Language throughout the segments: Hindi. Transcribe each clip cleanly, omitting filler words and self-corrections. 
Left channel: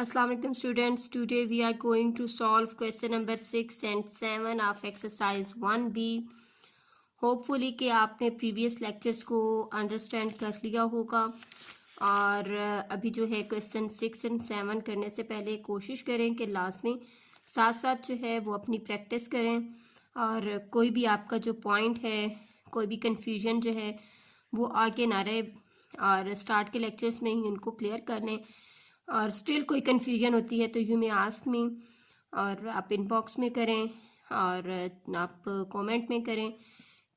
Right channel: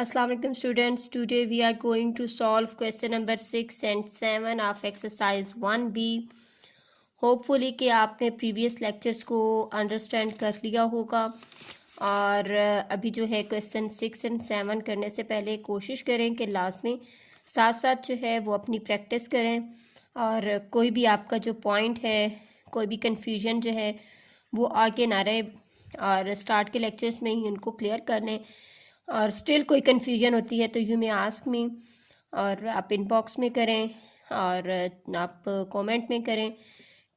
Assalamu alaikum students. Today we are going to solve question number 6 and 7 of exercise 1B. Hopefully कि आपने प्रीवियस लेक्चर्स को अंडरस्टैंड कर लिया होगा और अभी जो है क्वेश्चन 6 एंड 7 करने से पहले कोशिश करें कि लाजमी साथ साथ जो है वो अपनी प्रैक्टिस करें और कोई भी आपका जो पॉइंट है, कोई भी कन्फ्यूजन जो है वो आगे ना रहे और स्टार्ट के लेक्चर्स में ही उनको क्लियर कर लें। और स्टिल कोई कन्फ्यूजन होती है तो यू मे आस्क मी, और आप इनबॉक्स में करें और आप कमेंट में करें।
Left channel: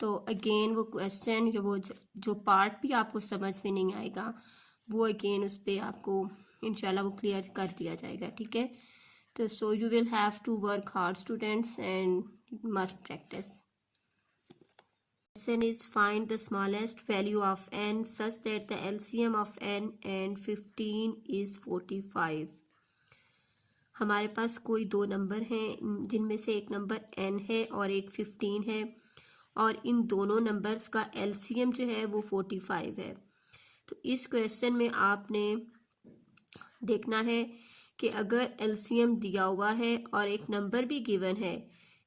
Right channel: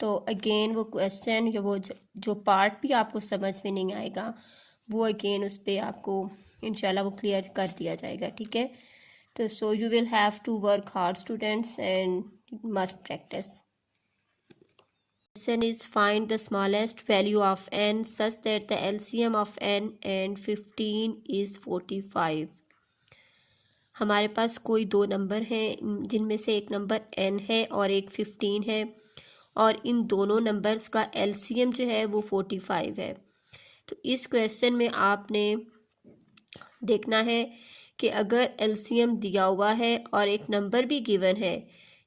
तो अगेन वो क्वेश्चन या वो जो पार्ट भी आपको समझ में नहीं आएगा वो अगेन उस पर आपको इंशाल्लाह वो क्लियर कर दिया जाएगा, ठीक है। तो so you will have to work hard students and must practice. Question is find the smallest value of n such that the LCM of n and 15 is 45। हमारे पास कोई दो नंबर हैं जिनमें से एक नंबर n है और एक 15 है और इन दोनों नंबर्स का LCM जो है वो 45 है। तो इस क्वेश्चन में आपने देखना है कि अगर LCM दिया हुआ है और एक नंबर भी गिवन है,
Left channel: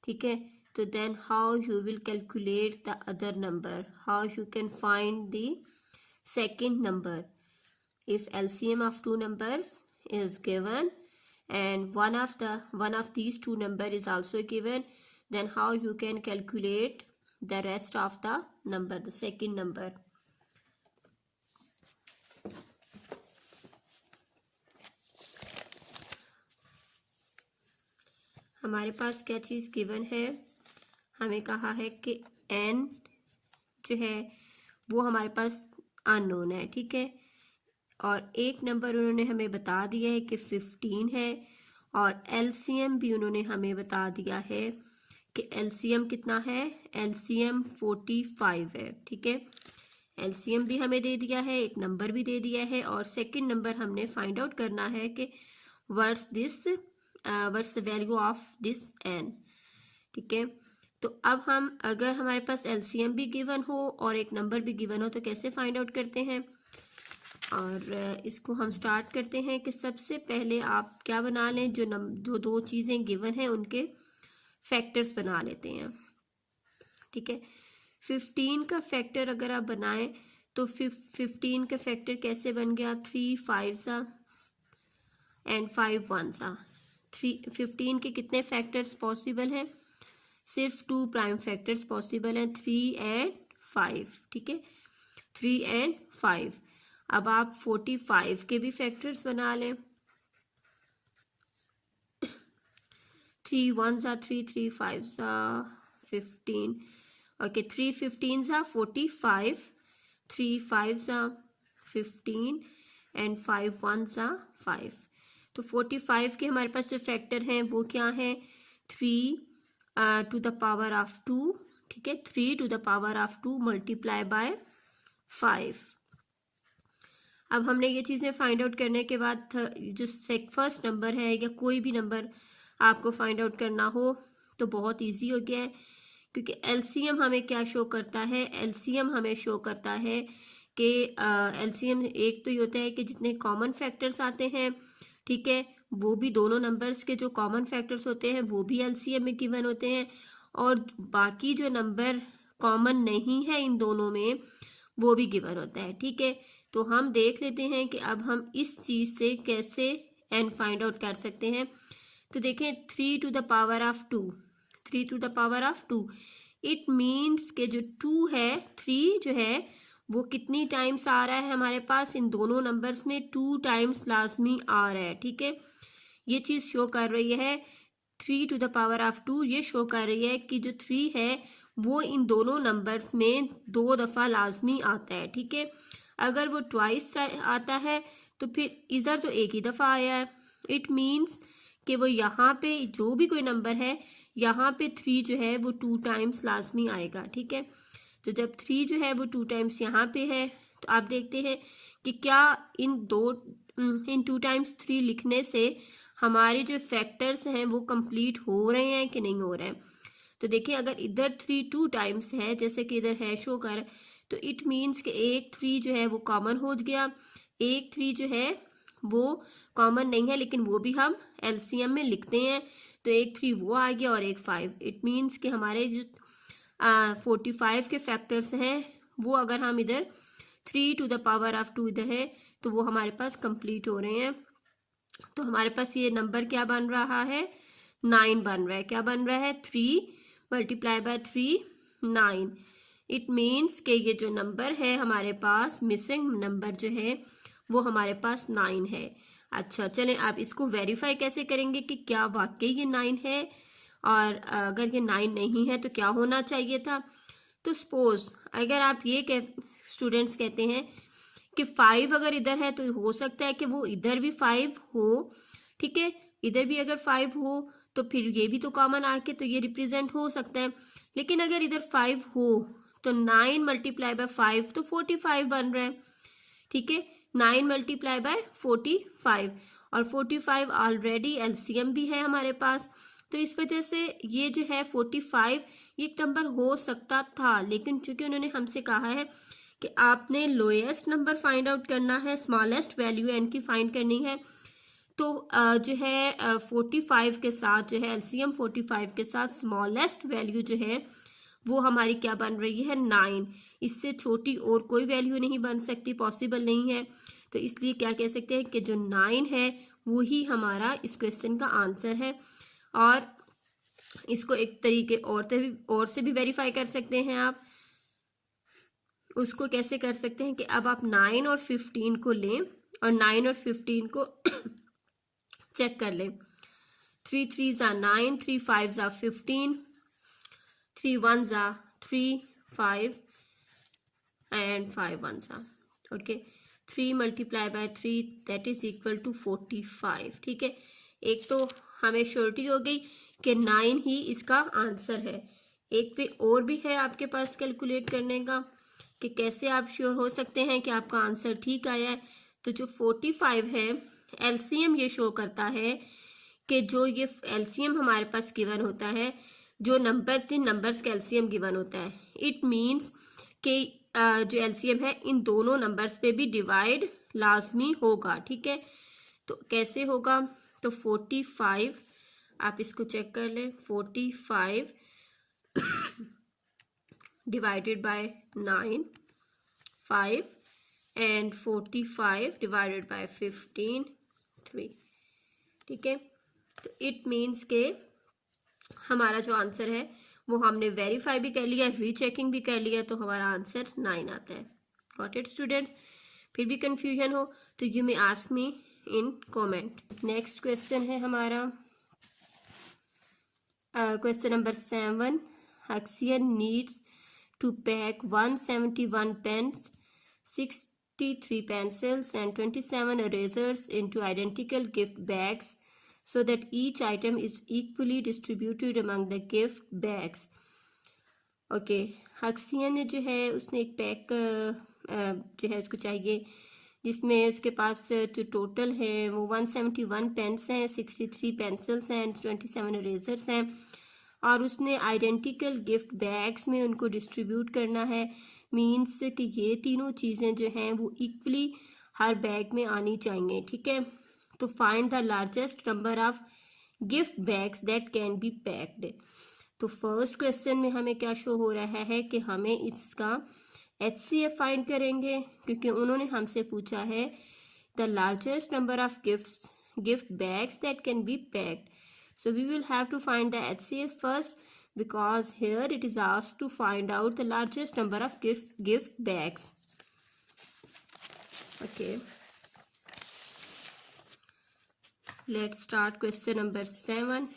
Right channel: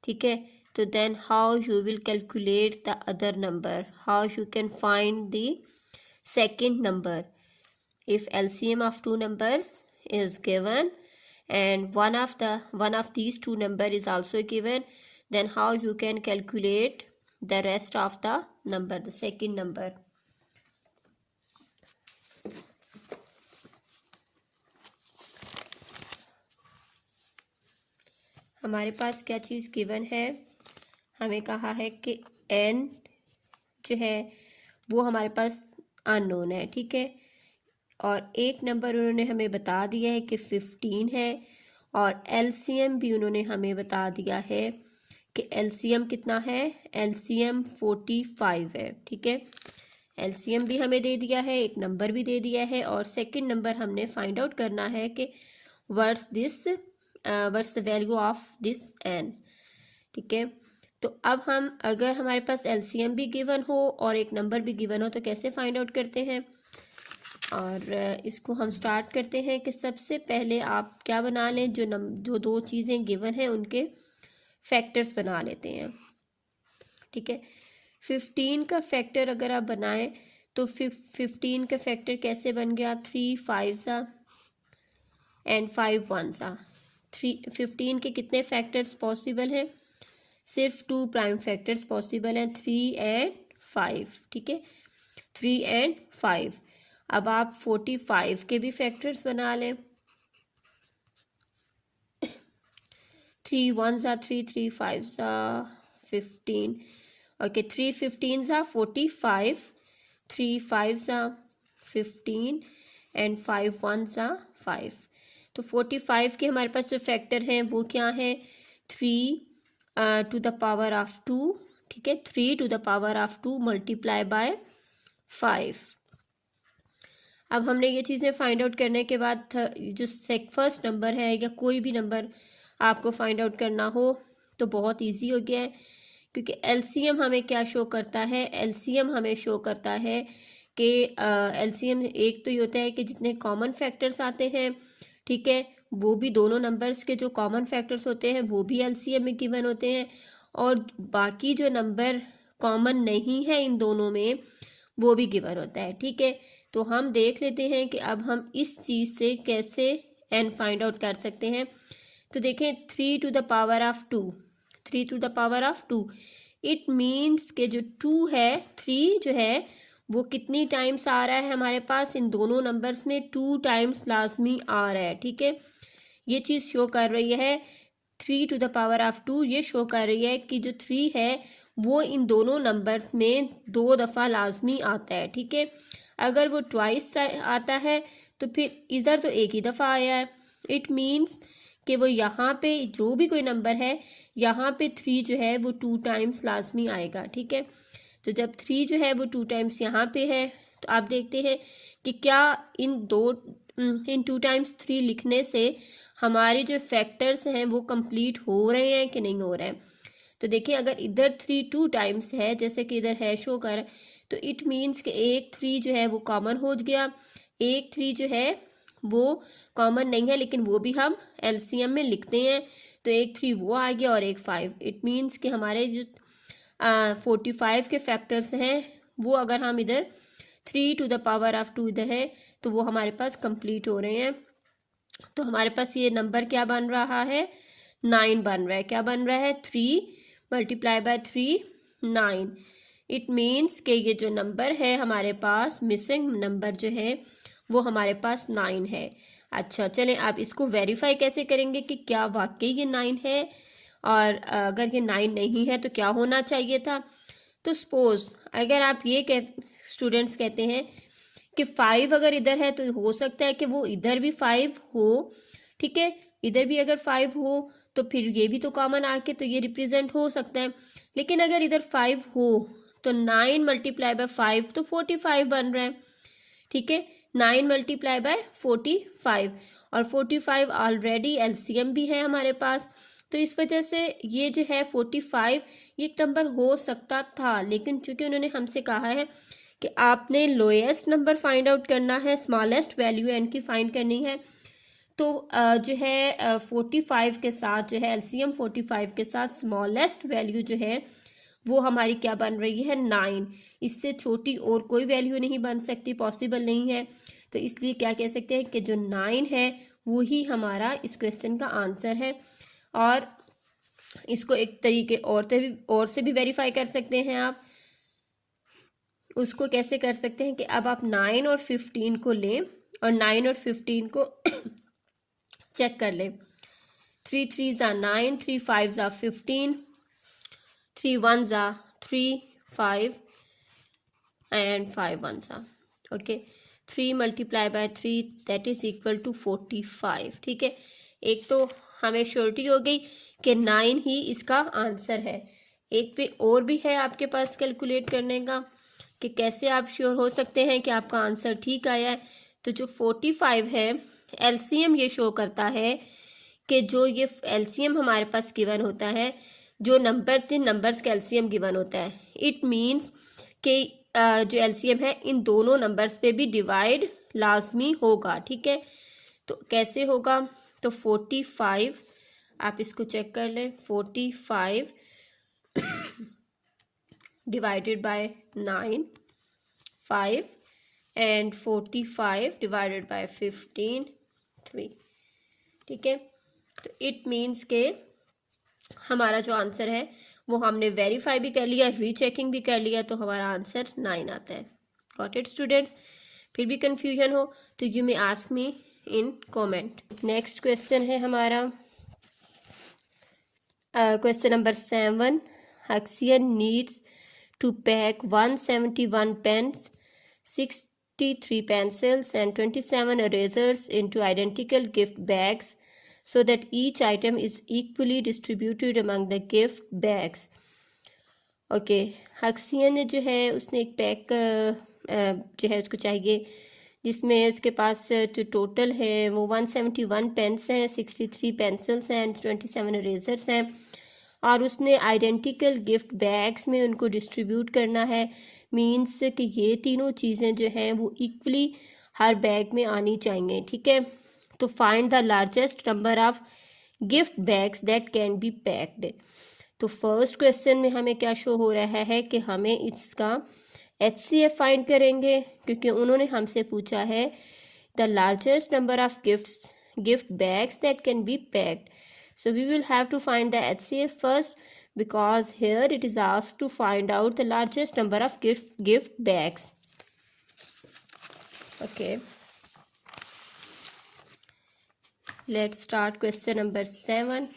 ठीक है, तो then how you will calculate the other number, how you can find the second number if LCM of two numbers is given and one of these two number is also given, then how you can calculate the rest of the number, the second number। हमारे पास क्या चीज़ गिवन है, हमें कहा है कि n जो है वो हमारे पास अननोन है, ठीक है, और एक नंबर उन्होंने हमें बता दिया है कि 15 है और LCM भी उन्होंने हमें बता दिया है कि LCM कितना है, LCM 45 है, ठीक है। LCM भी हमें दे दिया है, एक नंबर भी दे दिया है और सेकंड नंबर हमने फाइंड आउट करना है कि what's the value of this n, ठीक है। तो अब हम अगर हमारे पास LCM भी गिवन हो और एक नंबर भी गिवन हो तो कैसे फाइंड आउट करते हैं, और इसको हम स्टार्ट करते हैं कि सबसे पहले आप क्या बना लें, जो दो चीज़ें गिवन हैं उनके फैक्टर्स बना लेते हैं, ठीक है। 15 का फैक्टर अगर आप बनाएं तो 15 का फैक्टर कैसे बन गया, 3 5 एंड 5 1 15 के कितने फैक्टर्स पॉसिबल हैं, सिर्फ 2 प्राइम फैक्टर्स पॉसिबल हैं, 3 एंड 5, ठीक है, 3 एंड 5। अब आप 45 के भी फैक्टर्स बना लें, 3 1 3 3 5 15, ओके, 3 15 45, 3 5 15 एंड 5 1 5। तो 45 के हमारे पास जो फैक्टर हैं वो क्या हैं, 3 टू द पावर ऑफ 2, ठीक है, 3 to the power of 2 multiply by 5। अब हमने ये चीज़ें फाइंड आउट करने के बाद जो फर्स्ट नंबर है या कोई भी नंबर आपको फाइंड आउट करना हो तो बहुत इजी हो गया है, क्योंकि LCM हमें क्या शो करता है, LCM हमें शो करता है कि LCM एक तो ये होता है कि जितने कॉमन फैक्टर्स आते हैं, ठीक है, वो भी दोनों नंबर्स के जो कॉमन फैक्टर्स होते हैं वो भी LCM में गिवन होते हैं, और बाकी जो नंबर कॉमन नहीं है इन दोनों में वो भी गिवन होता है, ठीक है। तो हम देख लेते हैं कि अब हम इस चीज़ से कैसे n फाइंड आउट कर सकते हैं। तो देखें 3 to the power of 2, 3 to the power of 2, it means के जो 2 है, 3 जो है वो कितनी टाइम्स आ रहा है हमारे पास, इन दोनों नंबर्स में 2 टाइम्स लाजमी आ रहा है, ठीक है। ये चीज़ शो कर रही है 3 टू द पावर ऑफ 2, ये शो कर रही है कि जो 3 है वो इन दोनों नंबर्स में 2 दफ़ा लाजमी आता है, ठीक है। अगर वो ट्वाइस आता है तो फिर इधर तो एक ही दफ़ा आया है, इट मीन्स कि वो यहाँ पे जो भी कोई नंबर है यहाँ पे 3 जो है वो 2 टाइम्स लाजमी आएगा, ठीक है। तो जब 3 जो है वो 2 टाइम्स यहाँ पे है तो आप देखते हैं कि क्या इन 2 टाइम्स 3 लिखने से हमारे जो फैक्टर्स हैं वो कंप्लीट हो रहे हैं कि नहीं हो रहे हैं। तो देखिए अगर इधर 3 2 टाइम्स है जैसे कि इधर है शो कर, तो इट मीन्स कि एक 3 जो है वो कॉमन हो गया, एक 3 जो है वो कॉमन नहीं है, लेकिन वो भी हम एलसीएम में लिखते हैं। तो एक 3 वो आ गया और एक 5। इट मीन्स कि हमारे जो 45 के फैक्टर्स हैं वो अगर हम इधर 3 टू द पावर ऑफ 2 इधर है तो वो हमारे पास कंप्लीट हो रहे हैं। तो हमारे पास ये नंबर क्या बन रहा है, 9 बन रहा है। क्या बन रहा है, 3 मल्टीप्लाई बाय 3 9। इट मीन्स कि ये जो नंबर है हमारे पास, मिसिंग नंबर जो है वो हमारे पास 9 है। अच्छा चलें, आप इसको वेरीफाई कैसे करेंगे कि क्या वाकई ये 9 है, और अगर ये 9 नहीं है तो क्या होना चाहिए था। तो सपोज अगर आप ये स्टूडेंट्स कहते हैं कि 5 अगर इधर है तो हो सकता है कि वो इधर भी 5 हो, ठीक है, इधर भी अगर 5 हो तो फिर ये भी तो कॉमन आके तो ये रिप्रेजेंट हो सकता है। लेकिन अगर इधर 5 हो तो 9 मल्टीप्लाई बाय 5 तो 45 बन रहा है, ठीक है, 9 मल्टीप्लाई बाय 45, और 45 ऑलरेडी एलसीएम भी है हमारे पास। तो इस वजह से ये जो है 45 ये एक नंबर हो सकता था, लेकिन चूंकि उन्होंने हमसे कहा है कि आपने लोएस्ट नंबर फाइंड आउट करना है, स्मॉलेस्ट वैल्यू एन की फाइंड करनी है, तो जो है 45 के साथ जो है एलसीएम 45 के साथ स्मॉलेस्ट वैल्यू जो है वो हमारी क्या बन रही है, 9। इससे छोटी और कोई वैल्यू नहीं बन सकती, पॉसिबल नहीं है। तो इसलिए क्या कह सकते हैं कि जो 9 है वो ही हमारा इस क्वेश्चन का आंसर है। और इसको एक तरीके और से भी वेरीफाई कर सकते हैं आप। उसको कैसे कर सकते हैं कि अब आप 9 और 15 को लें और 9 और 15 को चेक कर लें। 3 3s are 9, 3 5s are 15, 3 1s are 3 5 and 5 1s are okay। 3 multiply by 3 that is equal to 45, ठीक है। एक तो हमें श्योरिटी हो गई कि 9 ही इसका आंसर है। एक पे और भी है आपके पास कैलकुलेट करने का कि कैसे आप श्योर हो सकते हैं कि आपका आंसर ठीक आया है। तो जो 45 है एलसीएम ये शो करता है कि जो ये एलसीएम हमारे पास गिवन होता है, जो नंबर्स जिन नंबर्स का एलसीएम गिवन होता है, इट मीन्स कि जो एलसीएम है इन दोनों नंबर्स पे भी डिवाइड लाजमी होगा, ठीक है। तो कैसे होगा, तो 45 आप इसको चेक कर लें, 45 divided by 9 5 and 45 divided by 15 3, ठीक है। तो इट मीन्स के हमारा जो आंसर है वो हमने वेरीफाई भी कर लिया, रीचेकिंग भी कर लिया, तो हमारा आंसर 9 आता है। Got it students? फिर भी कंफ्यूजन हो तो you may ask me in comment. Next question है हमारा question number 7। Huxian needs to pack 171 pens, 63 pencils and 27 erasers into identical gift bags so that each item is equally distributed among the gift bags. Okay, Huxian जो है उसने एक पैक जो है उसको चाहिए जिसमें उसके पास जो टोटल है वो 171 पेन्स हैं, 63 पेंसिल्स हैं, 27 इरेजर्स हैं, और उसने आइडेंटिकल गिफ्ट बैग्स में उनको डिस्ट्रीब्यूट करना है। मीन्स कि ये तीनों चीज़ें जो हैं वो इक्वली हर बैग में आनी चाहिए, ठीक है। तो find the largest number of gift bags that can be packed. तो फर्स्ट क्वेश्चन में हमें क्या शो हो रहा है कि हमें इसका HCF फाइंड करेंगे, क्योंकि उन्होंने हमसे पूछा है the largest number of gift bags that can be packed. So we will have to find the HCF first, because here it is asked to find out the largest number of gift bags. Okay, let's start question number 7.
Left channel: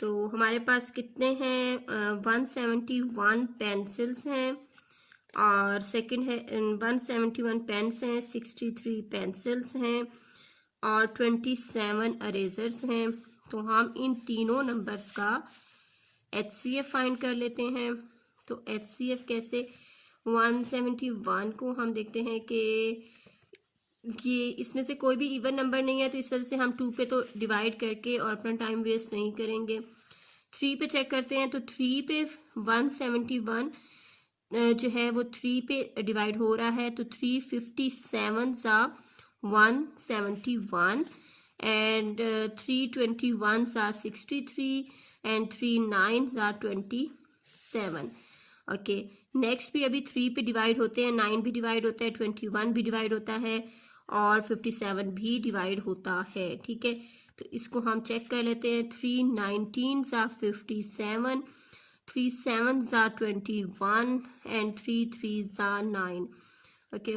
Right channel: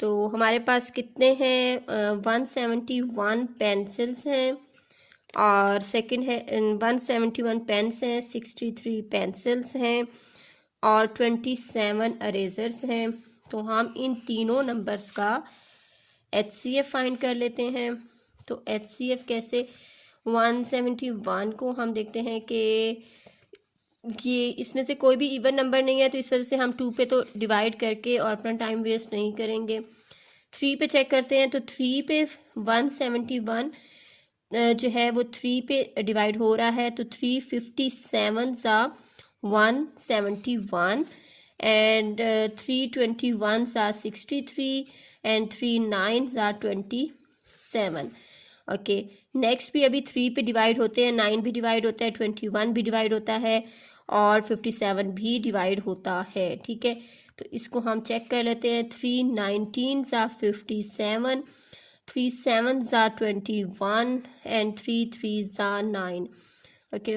तो हमारे पास कितने हैं, 171 पेंसिल्स हैं, और सेकंड है 171 पेन्स हैं, 63 पेंसिल्स हैं, और 27 अरेजर्स हैं। तो हम इन तीनों नंबर्स का HCF फाइंड कर लेते हैं। तो HCF कैसे, 171 को हम देखते हैं कि ये इसमें से कोई भी इवन नंबर नहीं है, तो इस वजह से हम 2 पे तो डिवाइड करके और अपना टाइम वेस्ट नहीं करेंगे। 3 पे चेक करते हैं, तो 3 पे 171 जो है वो 3 पे डिवाइड हो रहा है, तो 357 सा 171 and 3 21s are 63 and 3 9s are 27. Okay next भी अभी 3 पे डिवाइड होते हैं, 9 भी डिवाइड होता है, 21 भी डिवाइड होता है और 57 भी डिवाइड होता है। ठीक है, तो इसको हम चेक कर लेते हैं। 3 19s are 57, 3 7s are 21 and 3 3s are 9. Okay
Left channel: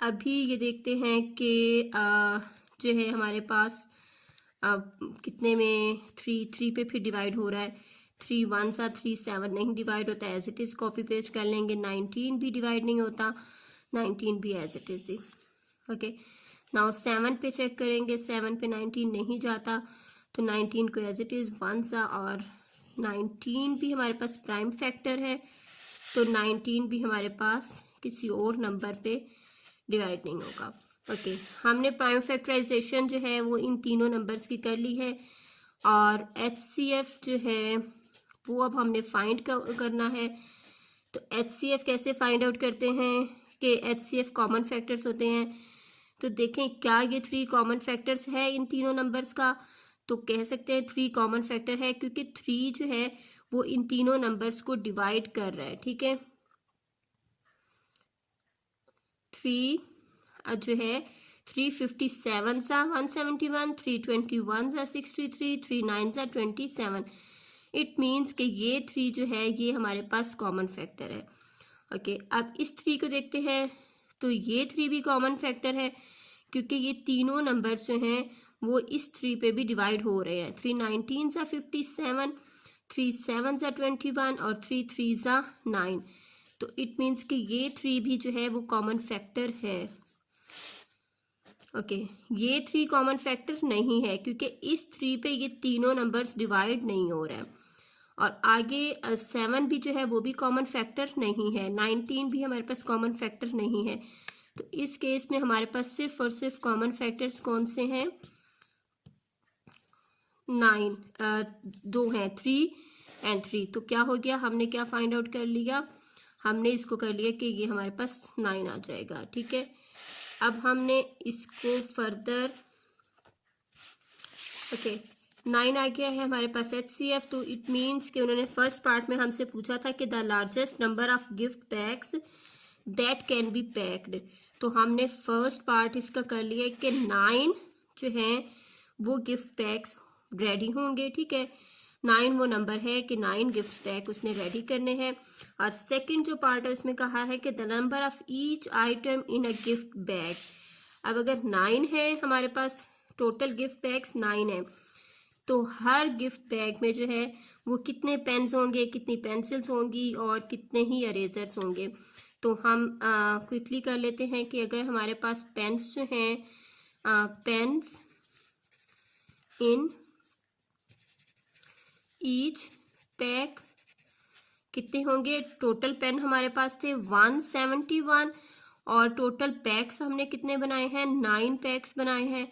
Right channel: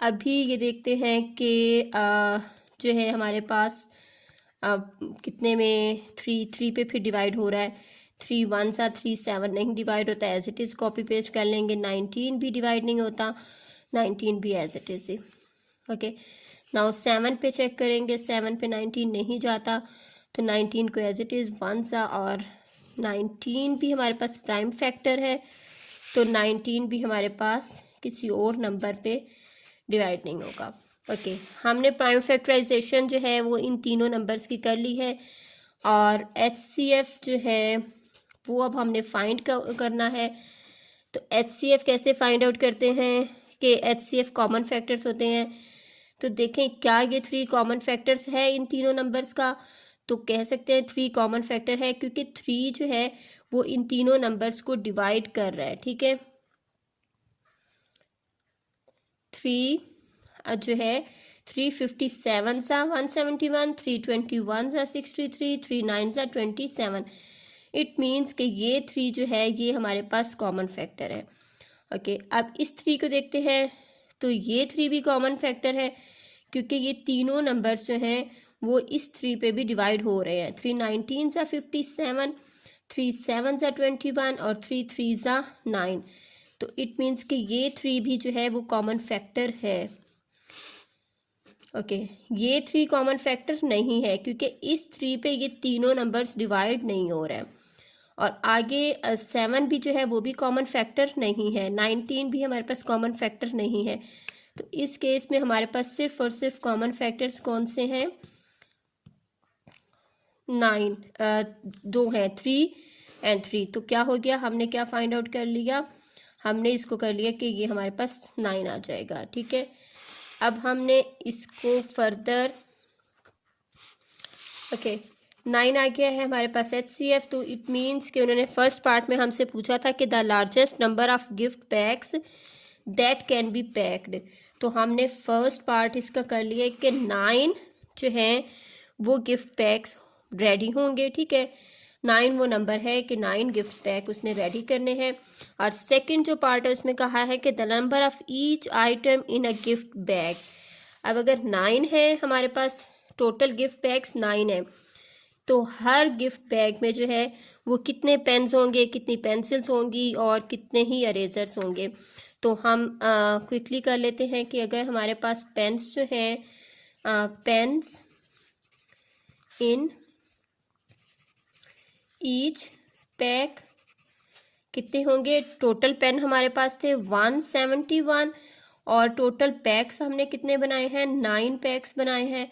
अभी ये देखते हैं कि जो है हमारे पास कितने में 3 पे फिर डिवाइड हो रहा है। 3 1s are 3 7 नहीं डिवाइड होता, as it is copy paste कर लेंगे। 19 भी डिवाइड नहीं होता, 19 भी एज इट इज़ ही। ओके नाउ 7 पे चेक करेंगे, 7 पे 19 नहीं जाता, तो 19 को एज इट इज़ 1 सा, और 19 भी हमारे पास प्राइम फैक्टर है, तो 19 भी हमारे पास किसी और नंबर पे डिवाइड नहीं होगा। ओके हमने प्राइम फैक्टराइजेशन जो है वो इन तीनों नंबर्स की कर ली है, और HCF जो है वो अब हमने फाइंड करना है। तो HCF कैसे फाइंड आउट करते हैं कि HCF कॉमन फैक्टर्स होते हैं। तो देखें क्या ये 3 कॉमन फैक्टर्स है इन तीनों नंबर्स का, तो कह सकते हैं 3 कॉमन फैक्टर है, क्योंकि 3 जो है वो इन तीनों नंबर्स को डिवाइड कर रहा है। ठीक है 3 जो है 357 सा 171, 321 सा 63, 3 9 सा 27। इट मीन्स कि ये 3 जो है ये हमारे पास कॉमन फैक्टर है। ओके अब इस 3 को देखते हैं, तो ये 3 भी कॉमन फैक्टर है, क्योंकि ये तीनों नंबर्स जो हैं वो इस 3 पे भी डिवाइड हो रहे हैं। 3 19 सा 57, 3 7 सा 21 और 3 3 सा 9। तो इट मीन्स कि ये 3 भी जो है वो कॉमन फैक्टर है। ओके ये 3 कॉमन फैक्टर नहीं है, क्योंकि इस 3 पे ये तीनों नंबर्स डिवाइड नहीं हो रहे हैं। और आगे 7 भी जो है वो भी कॉमन फैक्टर नहीं है, 19 भी हमारे पास कॉमन फैक्टर नहीं है। तो इस केस में हमारे पास सिर्फ और सिर्फ कॉमन फैक्टर्स कौन से हैं, 2 हैं, 3 एंड 3। तो क्या हो गया, हमने क्या फाइंड आउट कर लिया, हमने इसको कर लिया कि ये हमारे पास 9 आ जाएगा। ठीक है अब हमने इसको फर्दर ओके 9 आ गया है हमारे पास HCF। तो इट मीन्स कि उन्होंने फर्स्ट पार्ट में हमसे पूछा था कि the largest number of gift PACS that can be packed. तो हमने फर्स्ट पार्ट इसका कर लिया कि 9 जो हैं वो गिफ्ट पैक्स रेडी होंगे। ठीक है 9 वो नंबर है कि 9 गिफ्ट पैक उसने रेडी करने हैं। और सेकंड जो पार्ट है उसमें कहा है कि the number of each item in a gift bag. अब अगर 9 है हमारे पास टोटल गिफ्ट पैक्स 9 है, तो हर गिफ्ट बैग में जो है वो कितने पेन्स होंगे, कितनी पेंसिल्स होंगी और कितने ही अरेजर्स होंगे। तो हम क्विकली कर लेते हैं कि अगर हमारे पास पेन्स जो हैं, पेन्स इन ईच पैक कितने होंगे, टोटल पेन हमारे पास थे 171 और टोटल पैक्स हमने कितने बनाए हैं, 9 पैक्स बनाए हैं।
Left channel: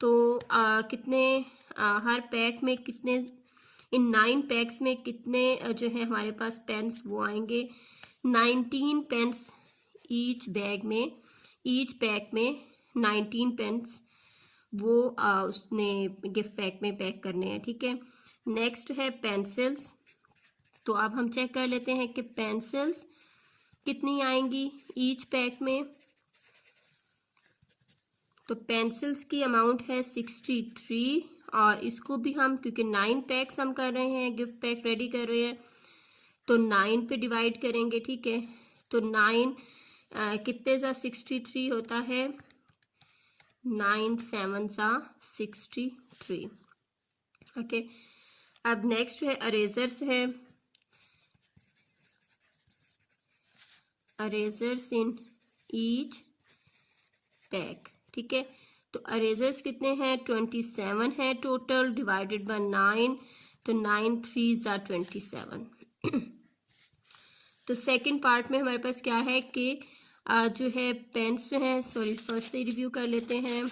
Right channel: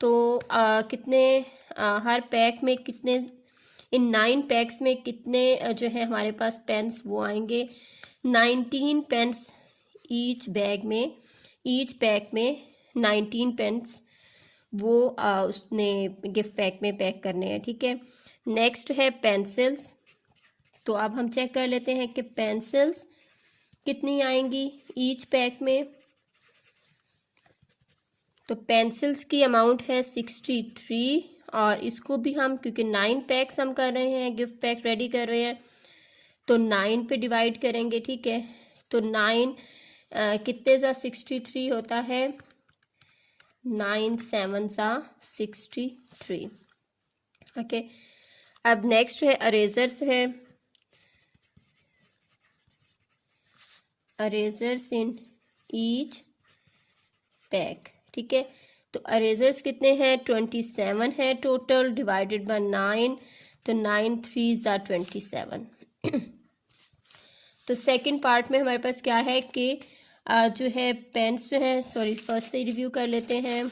तो कितने हर पैक में कितने, इन 9 पैक्स में कितने जो है हमारे पास पेन्स वो आएंगे, 19 पेन्स ईच बैग में, ईच पैक में 19 पेन्स वो उसने गिफ्ट पैक में पैक करने हैं। ठीक है नेक्स्ट है पेंसिल्स। तो अब हम चेक कर लेते हैं कि पेंसिल्स कितनी आएंगी ईच पैक में। तो पेंसिल्स की अमाउंट है 63, और इसको भी हम क्योंकि 9 पैक्स हम कर रहे हैं, गिफ्ट पैक रेडी कर रहे हैं, तो 9 पे डिवाइड करेंगे। ठीक है तो 9 कितने सा 63 होता है, 9 7 सा 63। ओके अब नेक्स्ट है अरेजर्स है, अरेजर्स इन ईच पैक। ठीक है तो अरेजर्स कितने हैं, 27 है टोटल, डिवाइडेड बाय 9, तो 9 3s are 27। तो सेकंड पार्ट में हमारे पास क्या है कि जो है पेन्स जो है, सॉरी फर्स्ट से रिव्यू कर लेते हैं।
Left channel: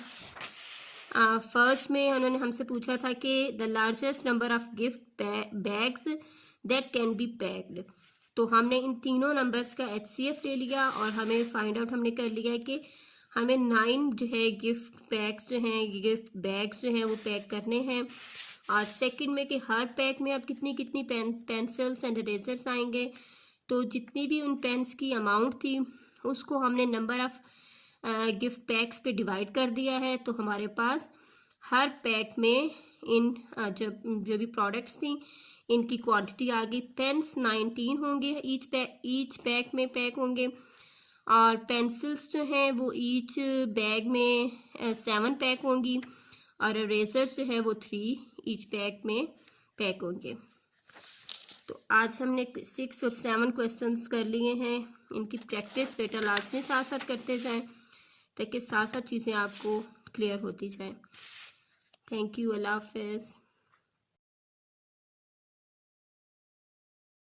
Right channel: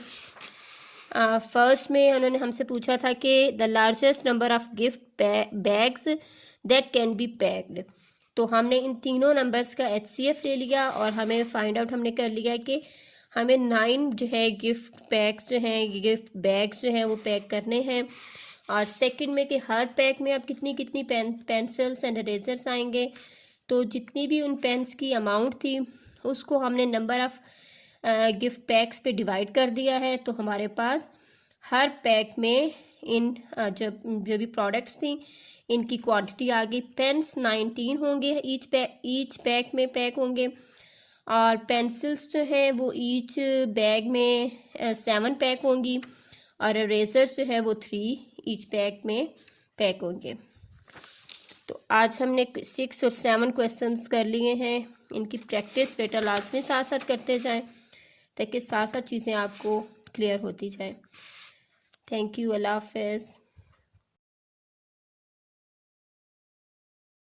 फर्स्ट में उन्होंने हमसे पूछा था कि the largest number of gift bags that can be packed. तो हमने इन तीनों नंबर्स का HCF ले लिया और हमें फाइंड आउट हमने कर लिया कि हमें 9 जो है गिफ्ट पैक्स जो हैं, गिफ्ट बैग्स जो हैं वो पैक करने हैं। और सेकंड में कि हर पैक में अब कितनी कितनी पेंसिल्स एंड इरेजर्स आएंगे। तो जितनी भी उन पेन्स की अमाउंट थी उसको हमने नंबर ऑफ़ गिफ्ट पैक्स पे डिवाइड कर दिया है। तो हमारे पास हर पैक में इन जो भी प्रोडक्ट्स थी इनकी क्वांटिटी आ गई। पेन्स 19 होंगे, ईच पैक में पैक होंगे। और पेंसिल्स जो हैं वो ईच बैग में 7 पैक होंगी। और इरेजर्स जो है वो 3 ईच पैक में पैक होंगे। तो आज हमने 6 और 7 क्वेश्चंस कर लिए हैं। इनकी प्रैक्टिस बेटा लाजमी साथ साथ करते जाएं ताकि साथ साथ चीज़ें आपको क्लियर होती जाएं। थैंक यू, अल्लाह हाफ़िज़।